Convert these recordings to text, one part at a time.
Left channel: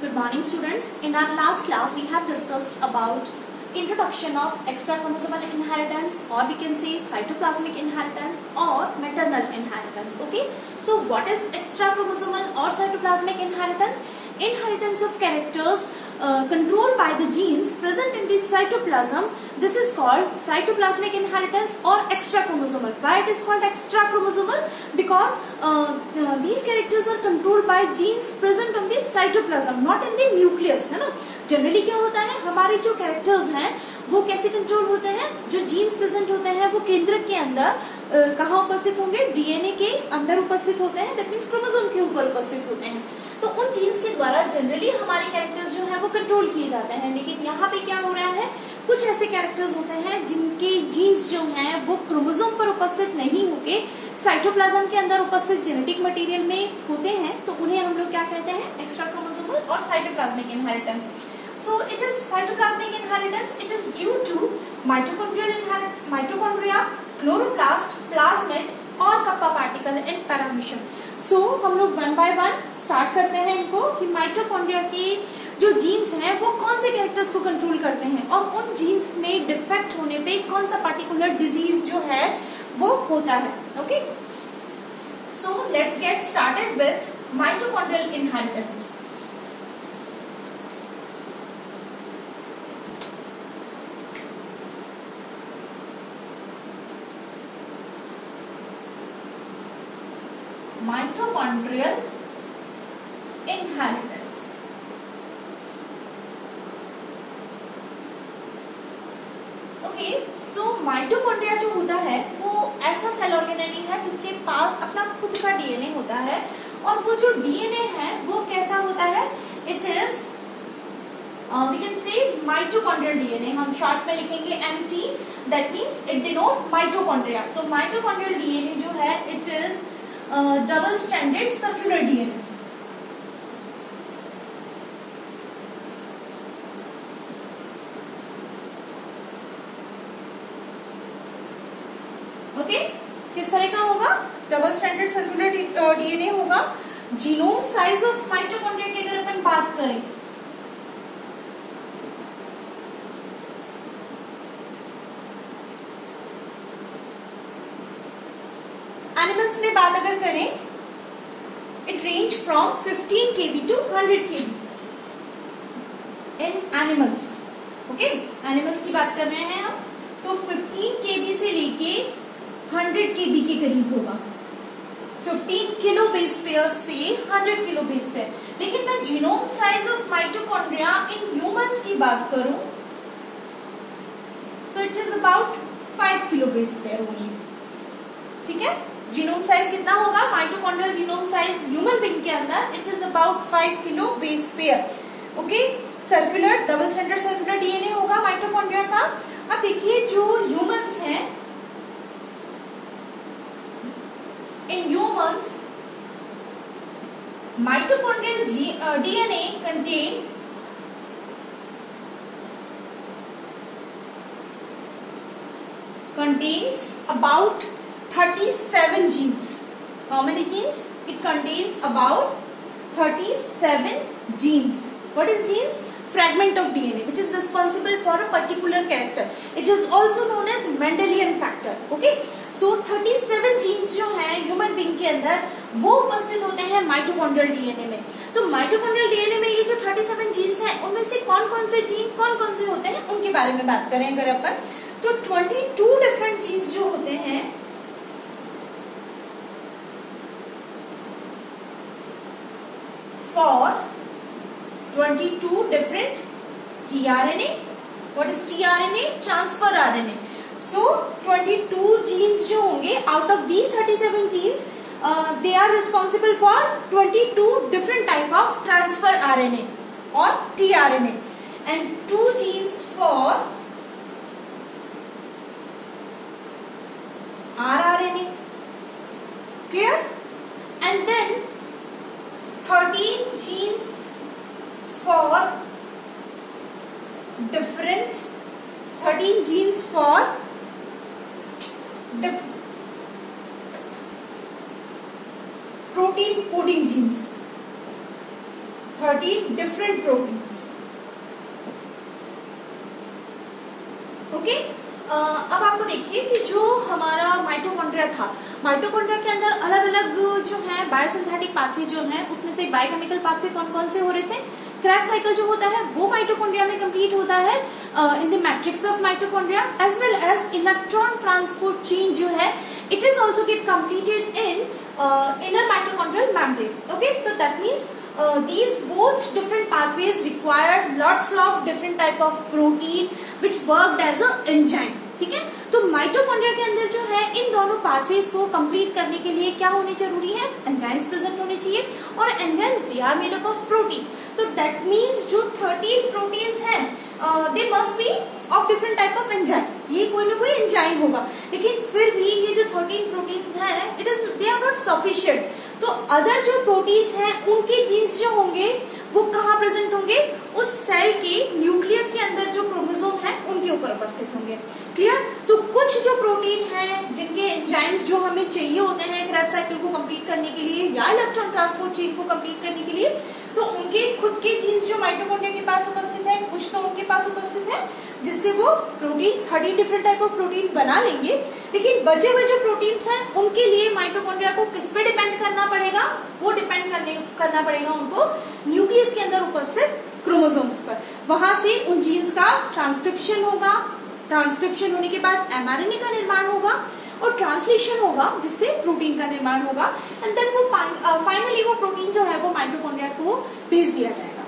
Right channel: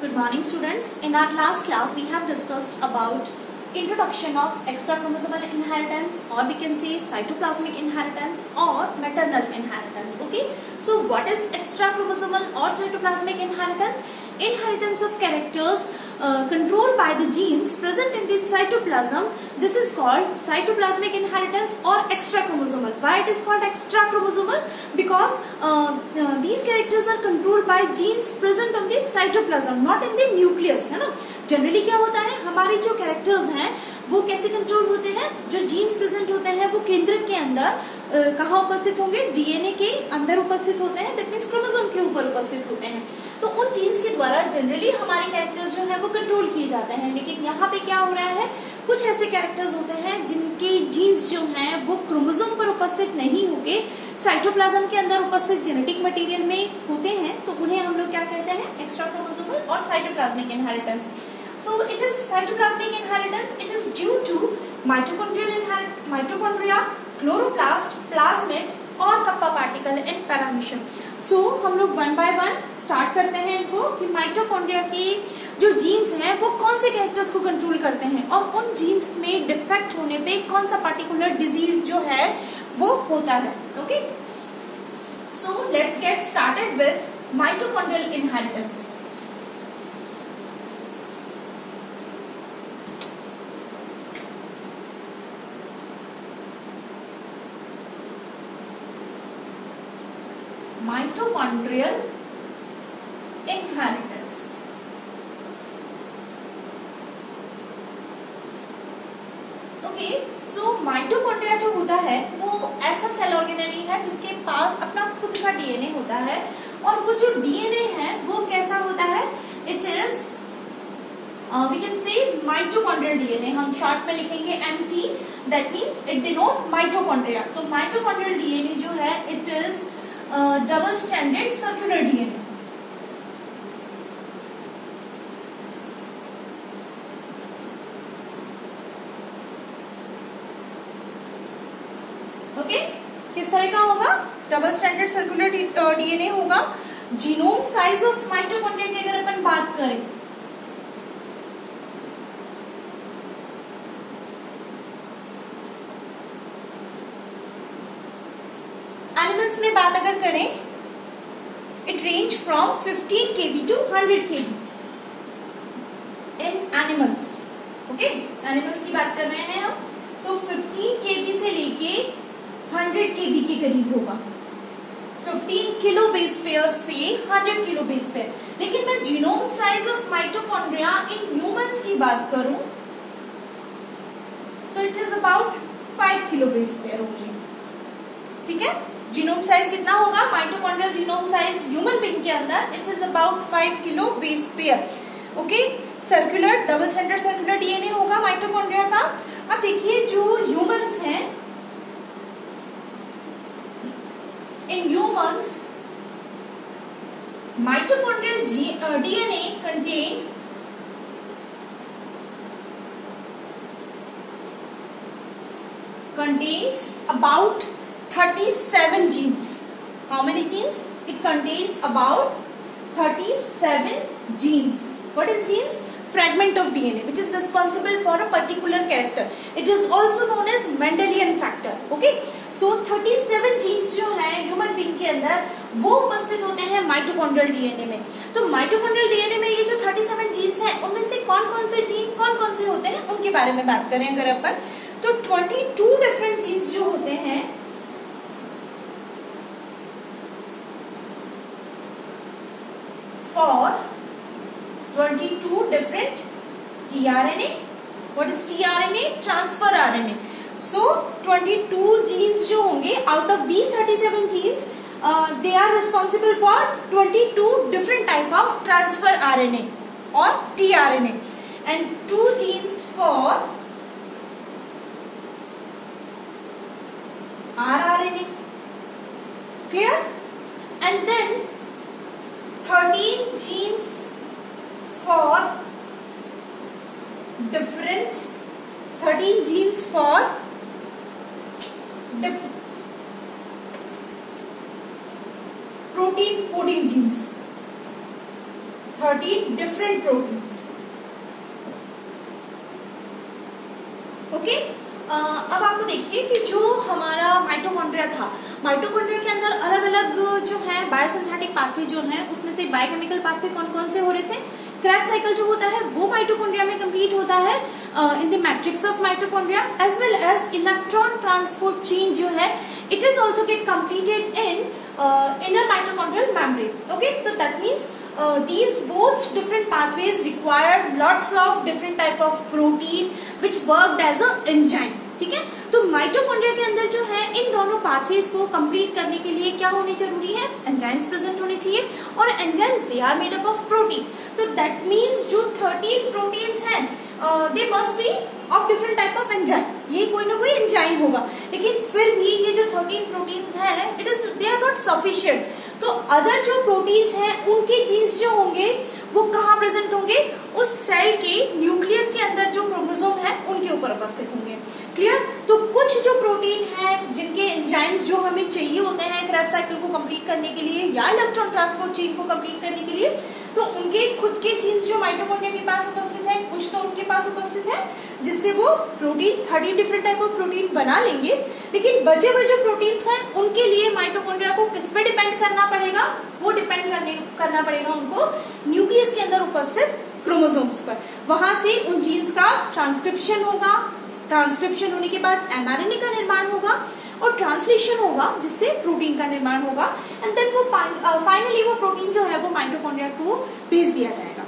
Good morning, students. In our last class, we have discussed about introduction of extrachromosomal inheritance, or we can say cytoplasmic inheritance or maternal inheritance. Okay. So, what is extrachromosomal or cytoplasmic inheritance? Inheritance of characters controlled by the genes present in the cytoplasm. This is called cytoplasmic inheritance or extrachromosomal. Why it is called extrachromosomal? Because these characters are controlled by genes present on the cytoplasm, not in the nucleus, है ना. Generally क्या होता है, हमारे जो characters हैं वो कैसे कंट्रोल होते हैं? जो जीन्स प्रेजेंट होते हैं वो केंद्रक के अंदर कहाँ उपस्थित होंगे? डीएनए के अंदर उपस्थित होते हैं. दैट मीन्स क्रोमोसोम के ऊपर उपस्थित होते हैं. तो उन जीन्स के द्वारा जनरली हमारे कैरेक्टर्स जो है वो कंट्रोल किए जाते हैं. लेकिन यहाँ पे क्या हो रहा है, कुछ ऐसे कैरेक्टर्स होते हैं जिनके जीन्स जो हैं वो क्रोमोसोम पर उपस्थित नहीं होके साइटोप्लाज्म के अंदर उपस्थित जेनेटिक मटेरियल में होते हैं. तो उन्हें हम लोग क्या कहते हैं? एक्स्ट्राक्रोमोसोमल और cytoplasmic inheritance. So it is cytoplasmic inheritance. It is due to mitochondria, chloroplast, plasmid और kappa particle in paramecium. So हम लोग वन बाय वन स्टार्ट करते हैं इनको कि माइटोकॉन्ड्रिया की जो जीन्स हैं वो कौन से कैरेक्टर्स को कंट्रोल करते हैं और उन जीन्स में डिफेक्ट होने पे कौन सा पर्टिकुलर डिजीज जो है वो होता है. Okay, so let's get started with mitochondrial inheritance. Mitochondrial inheritance. Okay, so mitochondria जो होता है वो ऐसा सेल ऑर्गेनेली है जिसके पास अपना खुद का डीएनए होता है. और वो जो डीएनए है वो कैसा होता है? It is we can say mitochondrial DNA. हम शॉर्ट में लिखेंगे MT. That means it denote mitochondria. तो माइटोकॉन्ड्रियल डीएनए जो है it is double standard circular DNA. Okay, किस तरह का होगा? डबल स्टैंडर्ड सर्कुलर डीएनए होगा. जीनोम साइज ऑफ माइटोकॉन्ड्रिया की अगर अपन बात करें एनिमल्स में बात अगर करें, it range from 15 kb to 100 kb in animals. Okay, animals की बात कर रहे हैं हम, तो 15 kb से लेके 100 kb के करीब होगा. 15 किलो बेस पेयर से 100 किलो बेस पेयर. लेकिन मैं genome size of mitochondria in humans की बात करूं, so it is about 5 kilo base pair only. ठीक है, जीनोम साइज कितना होगा? Mitochondrial genome size human being के अंदर it is about 5 kilo base pair. Okay, circular double standard circular DNA होगा माइटोकॉन्ड्रिया का. अब देखिए जो ह्यूमंस हैं, in humans mitochondrial DNA contains about 37 genes. How many genes? It contains about 37 genes. What is genes? Fragment of DNA which is responsible for a particular character. It is also known as Mendelian factor. Okay? So 37 genes जो है human being के अंदर वो उपस्थित होते हैं mitochondrial DNA में. तो माइटोकॉन्ड्रियल डीएनए में ये जो 37 जीन्स हैं उनमें से कौन कौन से जीन कौन कौन से होते हैं उनके बारे में बात करें अगर अपन, तो 22 डिफरेंट जीन्स जो होते हैं for 22 different tRNA. What is tRNA? Transfer RNA. So 22 genes जो होंगे, out of these 37 genes, they are responsible for 22 different type of transfer RNA or tRNA, and 2 genes for rRNA. Clear? And then 13 genes for 13 genes for protein coding genes. 13 different proteins. Okay अब आपको देखिए कि जो हमारा mitochondria था, mitochondria के अंदर अलग अलग जो है बायोसिंथेटिक पाथवे जो है, उसमें से बायोकेमिकल पाथवे कौन कौन से हो रहे थे। क्रेब्स साइकिल जो होता है वो माइटोकॉन्ड्रिया में कंप्लीट होता है in the matrix of mitochondria, as well as electron transport chain जो है it is also get completed in inner mitochondrial membrane. Okay, तो that means these both different pathways required lots of different type of protein which worked as a enzyme. ठीक है, तो mitochondria के अंदर जो है इन दोनों पाथवेज को कंप्लीट करने के लिए क्या होने जरूरी है, एंजाइम्स प्रेजेंट होने चाहिए, और enzymes they are made up of protein. तो दैट मीन्स जो 13 प्रोटीन्स हैं they must be of different type of enzyme. ये कोई ना कोई एंजाइम होगा, लेकिन फिर भी ये जो 13 प्रोटीन्स हैं it is they are not sufficient. तो अदर जो प्रोटीन्स हैं उनके जीन्स जो होंगे वो कहाँ प्रेजेंट होंगे, उस सेल के न्यूक्लियस के अंदर जो क्रोमोसोम है उनके ऊपर उपस्थित होंगे. क्लियर. तो कुछ जो प्रोटीन है जिनके एंजाइम्स जो हमें चाहिए होते हैं क्रेब्स साइकिल को कंप्लीट करने के लिए या इलेक्ट्रॉन ट्रांसपोर्ट चेन को कंप्लीट करने के लिए, तो उनके खुद के जीन्स जो माइटोकॉन्ड्रिया के पास उपस्थित है, कुछ तो उनके पास उपस्थित है जिससे वो protein 30 different type of protein बना लेंगे. लेकिन बचे हुए जो प्रोटीन्स हैं उनके लिए माइटोकॉन्ड्रिया को किस पे डिपेंड करना पड़ेगा, वो डिपेंड करना पड़ेगा उनको न्यूक्लियस के अंदर उपस्थित क्रोमोसोम्स पर. वहां से उन जीन्स का ट्रांसक्रिप्शन होगा, ट्रांसक्रिप्शन होने के बाद एमआरएनए का निर्माण होगा और ट्रांसलेशन होगा जिससे प्रोटीन का निर्माण होगा, एंड देन वो फाइनली वो प्रोटीन जो है वो माइटोकॉन्ड्रिया को भेज दिया जाएगा.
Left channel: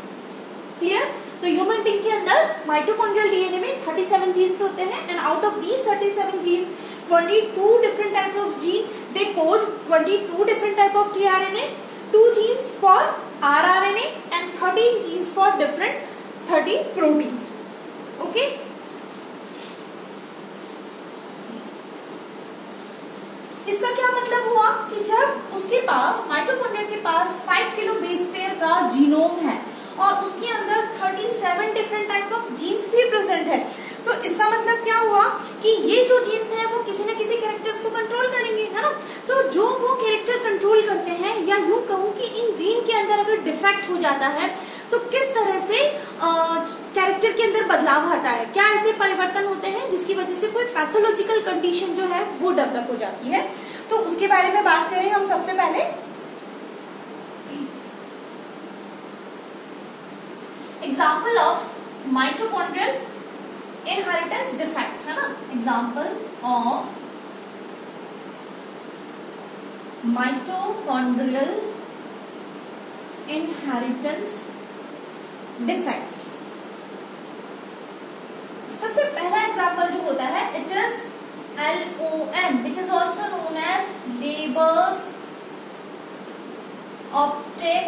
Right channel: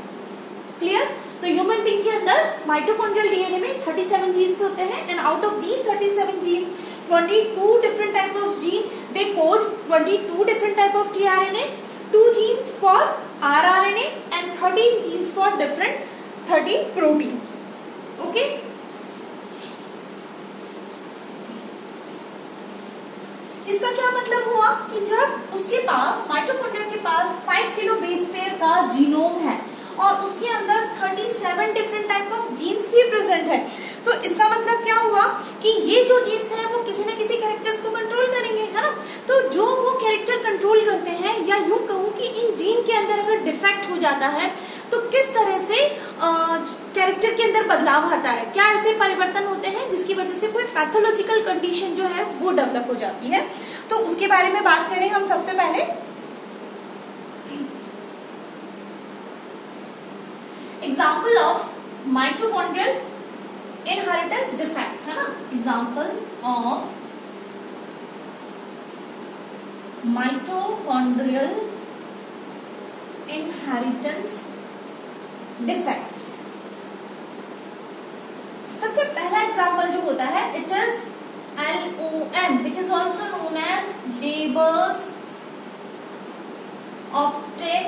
क्लियर. तो ह्यूमन बीइंग के अंदर माइटोकॉन्ड्रियल डीएनए में 37 जीन्स होते हैं, and out of these 37 genes 22 different type of gene, they code 22 different type of tRNA, 2 genes for rRNA and 13 genes for different 13 proteins. Okay. इसका क्या मतलब हुआ कि जब उसके पास माइटोकॉन्ड्रिया के पास 5 किलो बेस पेयर का जीनोम है और उसके अंदर 37 डिफरेंट टाइप ऑफ जीन्स भी प्रेजेंट है, तो इसका मतलब क्या हुआ कि ये जो जीन्स हैं वो किसी न किसी कैरेक्टर्स को कंट्रोल करेंगे, है ना. तो जो वो कैरेक्टर कंट्रोल करते हैं, या यूं कहूं कि इन जीन के अंदर अगर डिफेक्ट हो जाता है तो किस तरह से कैरेक्टर के अंदर बदलाव आता है, क्या ऐसे परिवर्तन होते हैं जिसकी वजह से कोई पैथोलॉजिकल कंडीशन जो है वो डेवलप हो जाती है. तो उसके बारे में बात करें हम सबसे पहले. Example of mitochondrial inheritance defect, है ना. Example of mitochondrial inheritance defects. सबसे पहला एग्जाम्पल जो होता है it is LON, which is also known as Leber's optic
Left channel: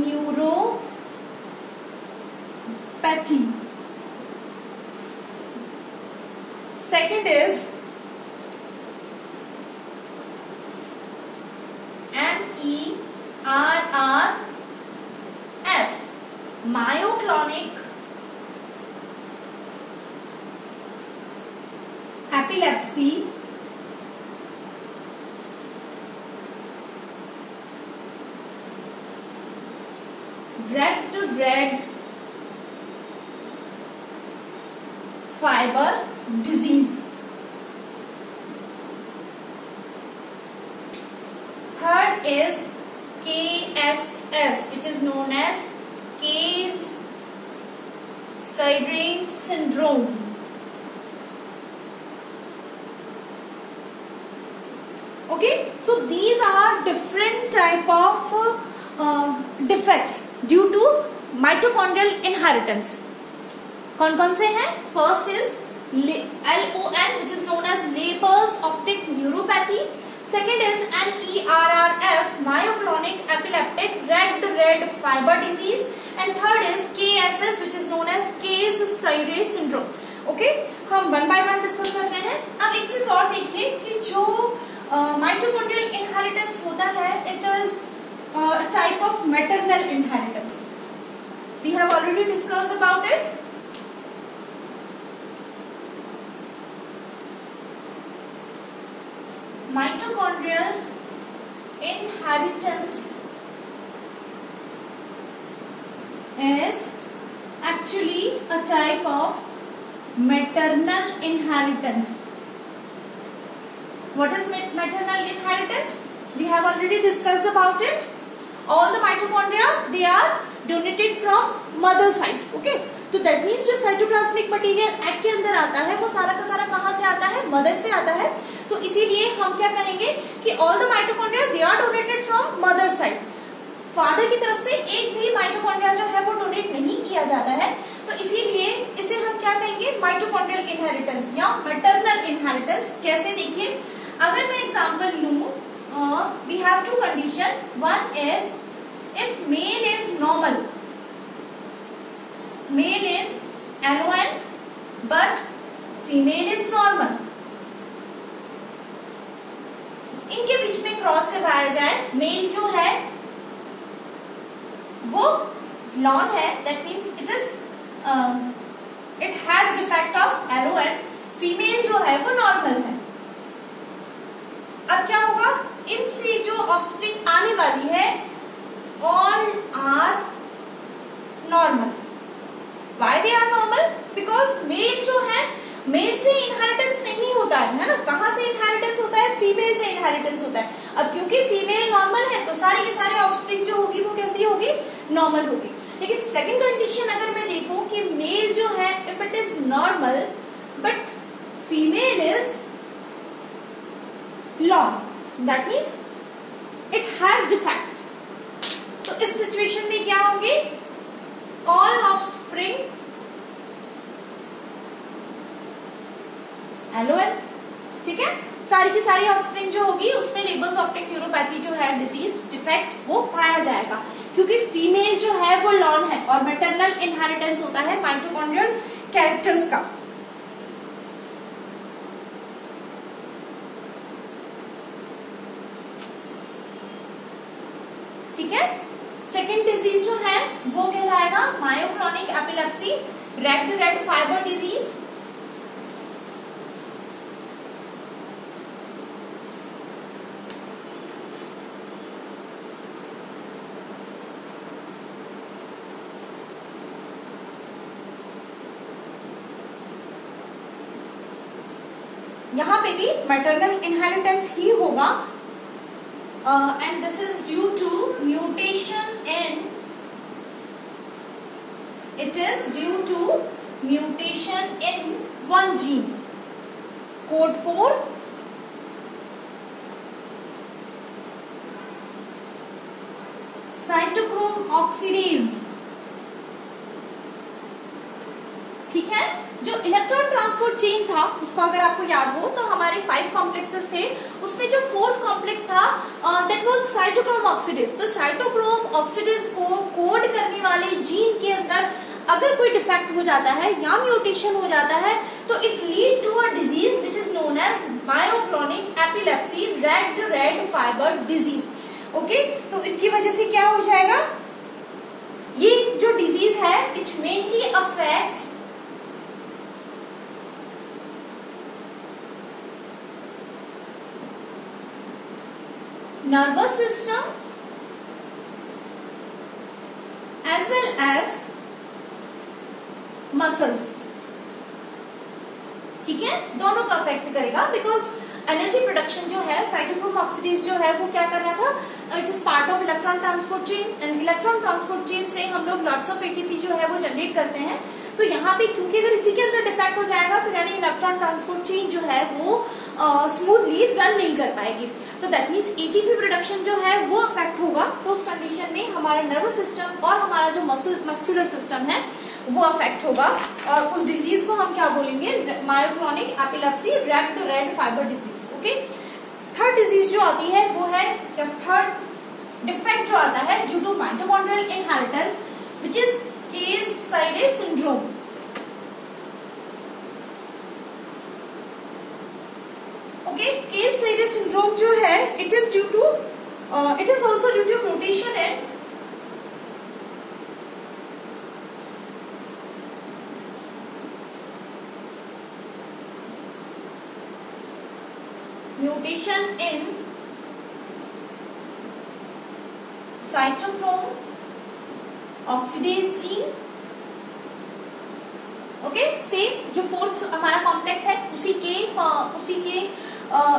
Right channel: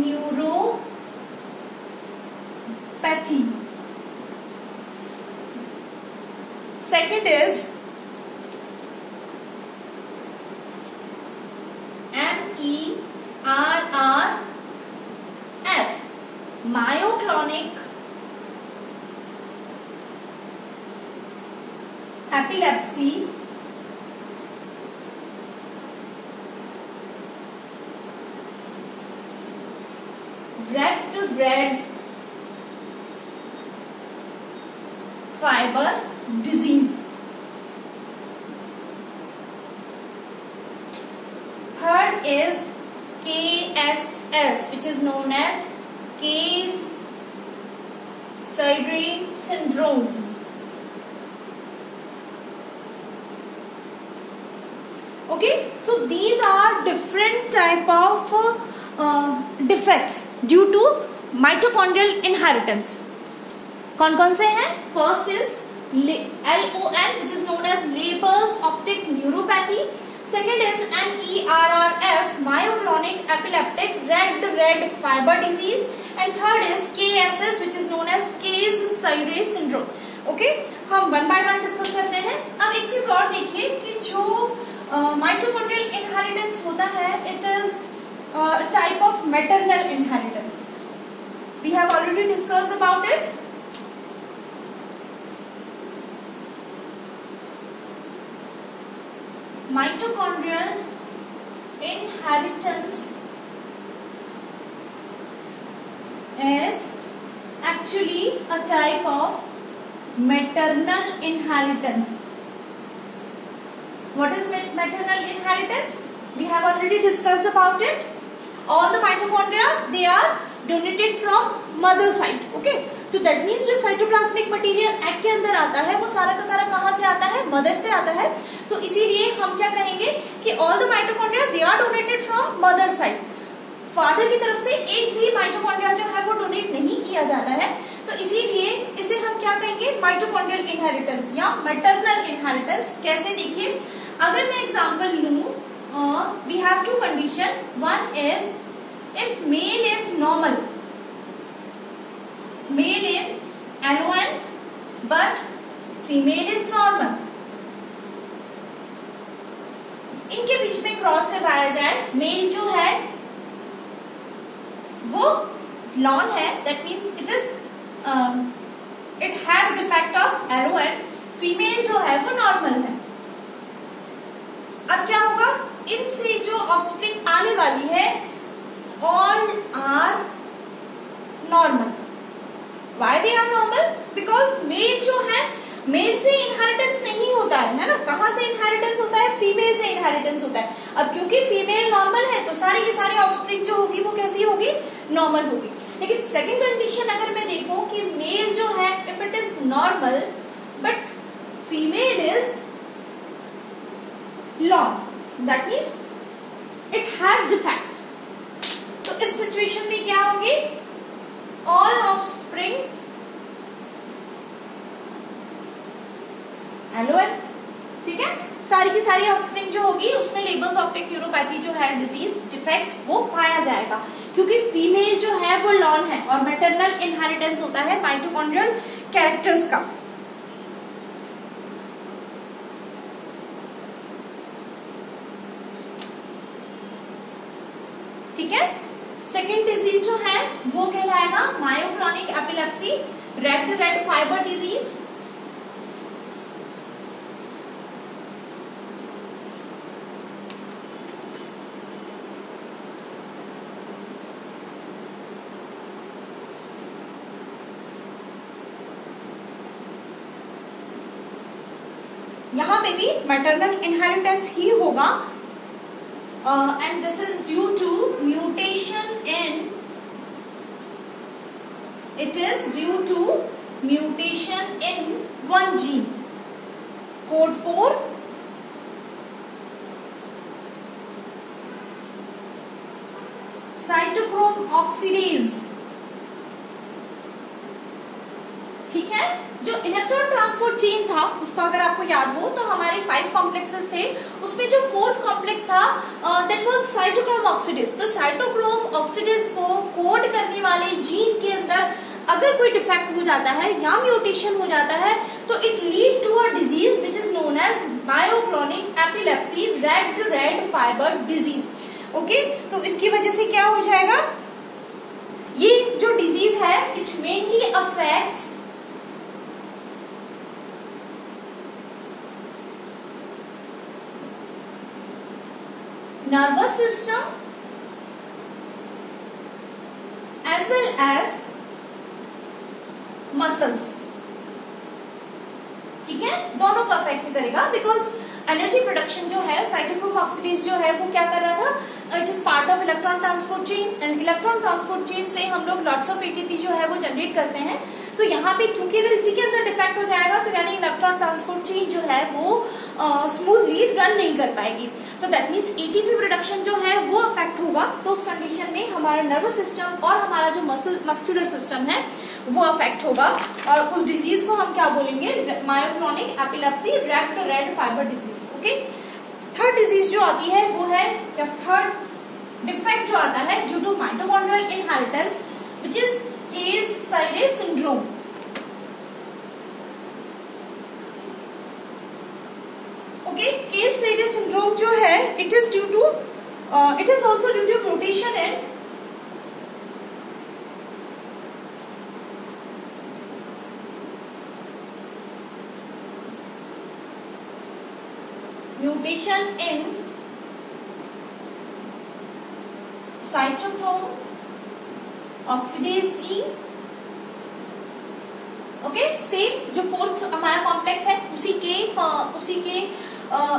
neuropathy. Second is MERRF, myoclonic epilepsy, red fiber disease. Third is KSS, which is known as Case-Sydre syndrome. Okay, so these are different type of defects due to mitochondrial inheritance. कौन कौन से हैं? First is LON, which is known as Leber's optic neuropathy. Second is MERRF, myoclonic epileptic red fiber disease, and third is KSS, which is known as Case-Sydre syndrome. Okay, हम one by one discuss करते हैं. अब एक चीज और देखिए कि जो माइटोकॉन्ड्रियल इनहेरिटेंस होता है it is type of maternal inheritance. We have already discussed about it. Mitochondrial inheritance is actually a type of maternal inheritance. What is maternal inheritance? We have already discussed about it. All the mitochondria, they are donated from mother side. Okay, तो that means जो cytoplasmic material egg के अंदर आता है वो सारा का सारा कहाँ से आता है? मदर से आता है. तो इसीलिए हम क्या कहेंगे कि all the mitochondria they are donated from mother side. Father की तरफ से एक भी माइटोकॉन्ड्रिया जो है वो डोनेट नहीं किया जाता है. तो इसीलिए इसे हम क्या कहेंगे? माइटोकॉन्ड्रियल इनहेरिटेंस या मैटरनल इनहेरिटेंस. कैसे? देखिए, अगर मैं एग्जांपल लूं, we have two condition. One is if male is normal, male is LON but female is normal, इनके बीच में क्रॉस करवाया जाए. मेल जो है वो लॉन है, that means it has defect of LON. Female जो है वो नॉर्मल है. अब क्या होगा? इनसे जो ऑफस्प्रिंग आने वाली है all are normal. Why they are normal? Because male जो है, मेल से इनहेरिटेंस नहीं होता है ना. कहाँ से इनहेरिटेंस होता है? फीमेल से इनहेरिटेंस होता है. अब क्योंकि फीमेल नॉर्मल है तो सारे के सारे ऑफस्प्रिंग जो होगी वो कैसी होगी? नॉर्मल होगी. लेकिन सेकंड कंडीशन अगर मैं देखूं कि मेल जो है if it is normal but female is lawn, that means it has defect. तो इस सिचुएशन में क्या होंगे? All offspring LON. ठीक है, सारी की सारी ऑफस्प्रिंग जो होगी उसमें लेबर्स ऑप्टिक न्यूरोपैथी जो है डिजीज डिफेक्ट वो पाया जाएगा, क्योंकि फीमेल जो है वो लॉन है और मैटरनल इनहेरिटेंस होता है माइटोकॉन्ड्रियल कैरेक्टर्स का. ठीक है, सेकेंड डिजीज जो है वो कहलाएगा मायोक्रोनिक एपिलेप्सी, रेड फाइबर डिजीज. यहां पे भी मैटरनल इनहेरिटेंस ही होगा. And this is due to mutation in, it is due to mutation in one gene, code 4 cytochrome oxidase. ठीक है, जो इलेक्ट्रॉन ट्रांसपोर्ट चेन था उसको अगर आपको याद हो तो हमारे 5 कॉम्प्लेक्सेस थे, उसमें जो 4th कॉम्प्लेक्स था दैट वाज साइटोक्रोम ऑक्सीडेज. तो साइटोक्रोम ऑक्सीडेज को कोड करने वाले जीन के अंदर अगर कोई डिफेक्ट हो जाता है या म्यूटेशन हो जाता है तो it lead to a disease which is known as myoclonic epilepsy, red fibre disease. Okay, तो इसकी वजह से क्या हो जाएगा? ये जो डिजीज है it mainly affect nervous system as well as muscles. ठीक है, दोनों को अफेक्ट करेगा बिकॉज एनर्जी प्रोडक्शन जो है साइटोक्रोम ऑक्सीडेज जो है वो क्या कर रहा था? It is part of electron transport chain and electron transport chain से हम लोग लॉट्स ऑफ एटीपी जो है वो जनरेट करते हैं. तो यहाँ पे क्योंकि अगर इसी के अंदर डिफेक्ट हो जाएगा तो यानी इलेक्ट्रॉन ट्रांसपोर्ट चेन जो है वो स्मूथली रन नहीं कर पाएगी. तो दैट मीन्स एटीपी प्रोडक्शन जो है वो अफेक्ट होगा. तो उस कंडीशन में हमारा नर्वस सिस्टम और हमारा जो मस्कुलर सिस्टम है वो अफेक्ट होगा और उस डिजीज को हम क्या बोलेंगे? Myoclonic epilepsy, red fibre disease. Okay, third disease जो आती है वो है, थर्ड डिफेक्ट जो आता है due to mitochondrial inheritance which is केस-साइडे syndrome. Okay, केस-साइडे syndrome जो है it is due to it is also due to mutation in cytochrome oxidase gene. Okay, same जो फोर्थ हमारा कॉम्प्लेक्स है उसी के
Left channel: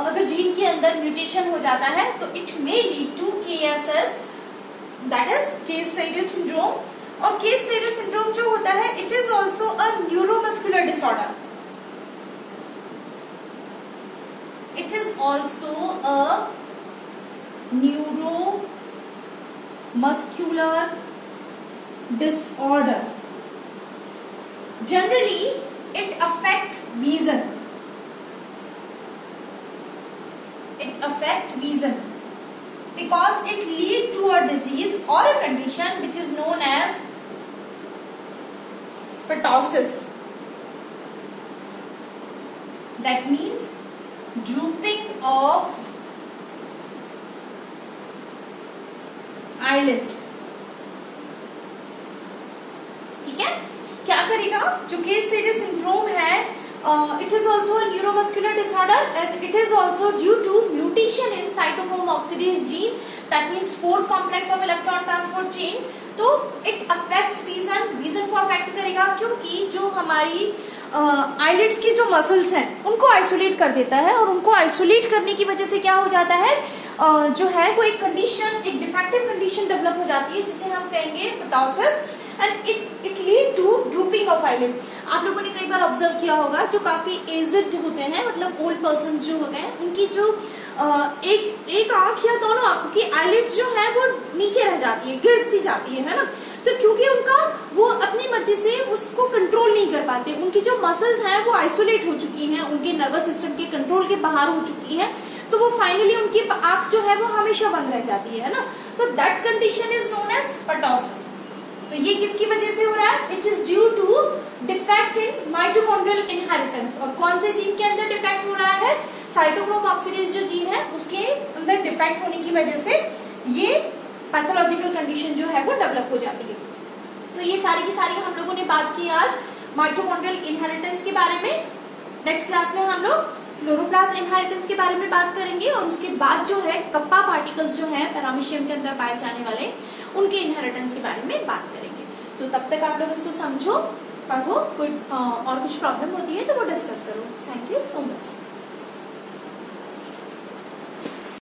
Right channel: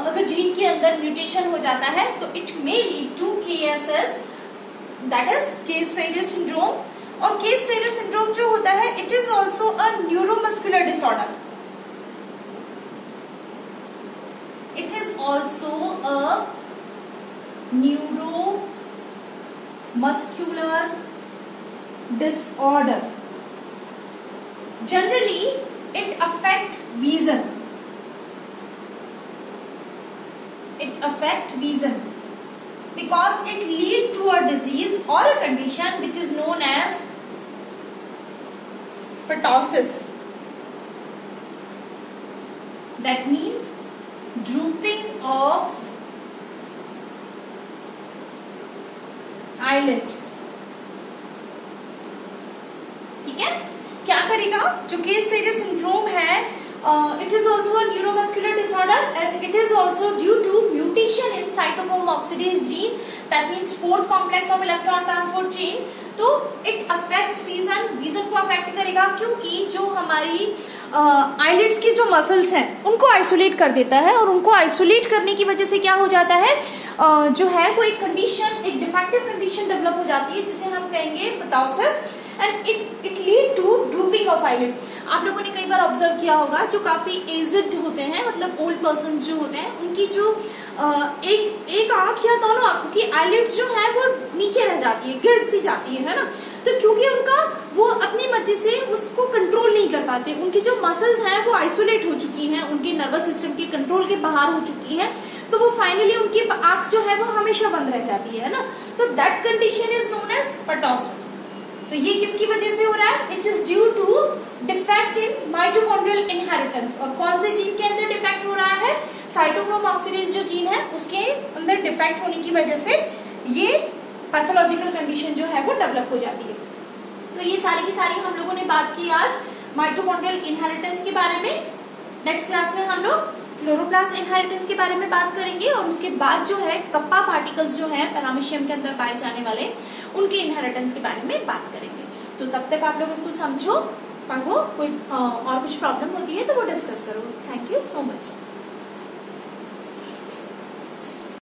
अगर जीन के अंदर म्यूटेशन हो जाता है तो it may lead to KSS, that is केस-सेरियस सिंड्रोम। और केस-सेरियस सिंड्रोम जो होता है it is also a neuromuscular disorder. It is also a neuromuscular disorder. Generally, it affect vision. It affect vision because it lead to a disease or a condition which is known as ptosis. That means drooping of eyelid. ठीक है, क्या करेगा जो केस-सेरियस syndrome है, it is also neuromuscular disorder and it is also due to mutation in cytochrome oxidase gene, that means fourth complex of electron transport chain. तो it affects vision को affect करेगा क्योंकि जो हमारी आईलिड्स की जो मसल्स हैं उनको आइसोलेट कर देता है, और उनको आइसोलेट करने की वजह से क्या हो जाता है, जो है वो एक कंडीशन, एक डिफेक्टिव कंडीशन डेवलप हो जाती है जिसे हम कहेंगे ptosis, and it lead to drooping of eyelid. आप लोगों ने कई बार ऑब्जर्व किया होगा जो काफी एज्ड होते हैं, मतलब ओल्ड पर्सन जो होते हैं, उनकी जो एक आंख या दोनों आंखों की आईलिड्स जो है वो नीचे रह जाती है, गिर सी जाती है ना। तो क्योंकि उनका वो अपनी मर्जी से उसको कंट्रोल नहीं कर पाते, उनकी जो मसल्स हैं वो आइसोलेट हो चुकी हैं, उनके नर्वस सिस्टम के कंट्रोल के बाहर हो चुकी है, तो वो फाइनली उनकी आंख जो है वो हमेशा बंद रह जाती है ना। तो that condition is known as ptosis। तो ये किसकी वजह से हो रहा है, it is due to defect in mitochondrial inheritance. और कौन से जीन के अंदर डिफेक्ट हो रहा है, साइटोक्रोम ऑक्सीडेज जो जीन है उसके अंदर डिफेक्ट होने की वजह से ये पैथोलॉजिकल कंडीशन जो है वो डेवलप हो जाती है। तो ये सारी की सारी हम लोगों ने बात की आज माइटोकॉन्ड्रियल इनहेरिटेंस के बारे में। नेक्स्ट क्लास में हम लोग क्लोरोप्लास्ट इनहेरिटेंस के बारे में बात करेंगे, और उसके बाद जो है कप्पा पार्टिकल्स जो है पैरामीशियम के अंदर पाए जाने वाले उनके इनहेरिटेंस के बारे में बात करेंगे। तो तब तक आप लोग इसको समझो, पढ़ो, कोई और कुछ प्रॉब्लम होती है तो वो डिस्कस करो। Thank you so much.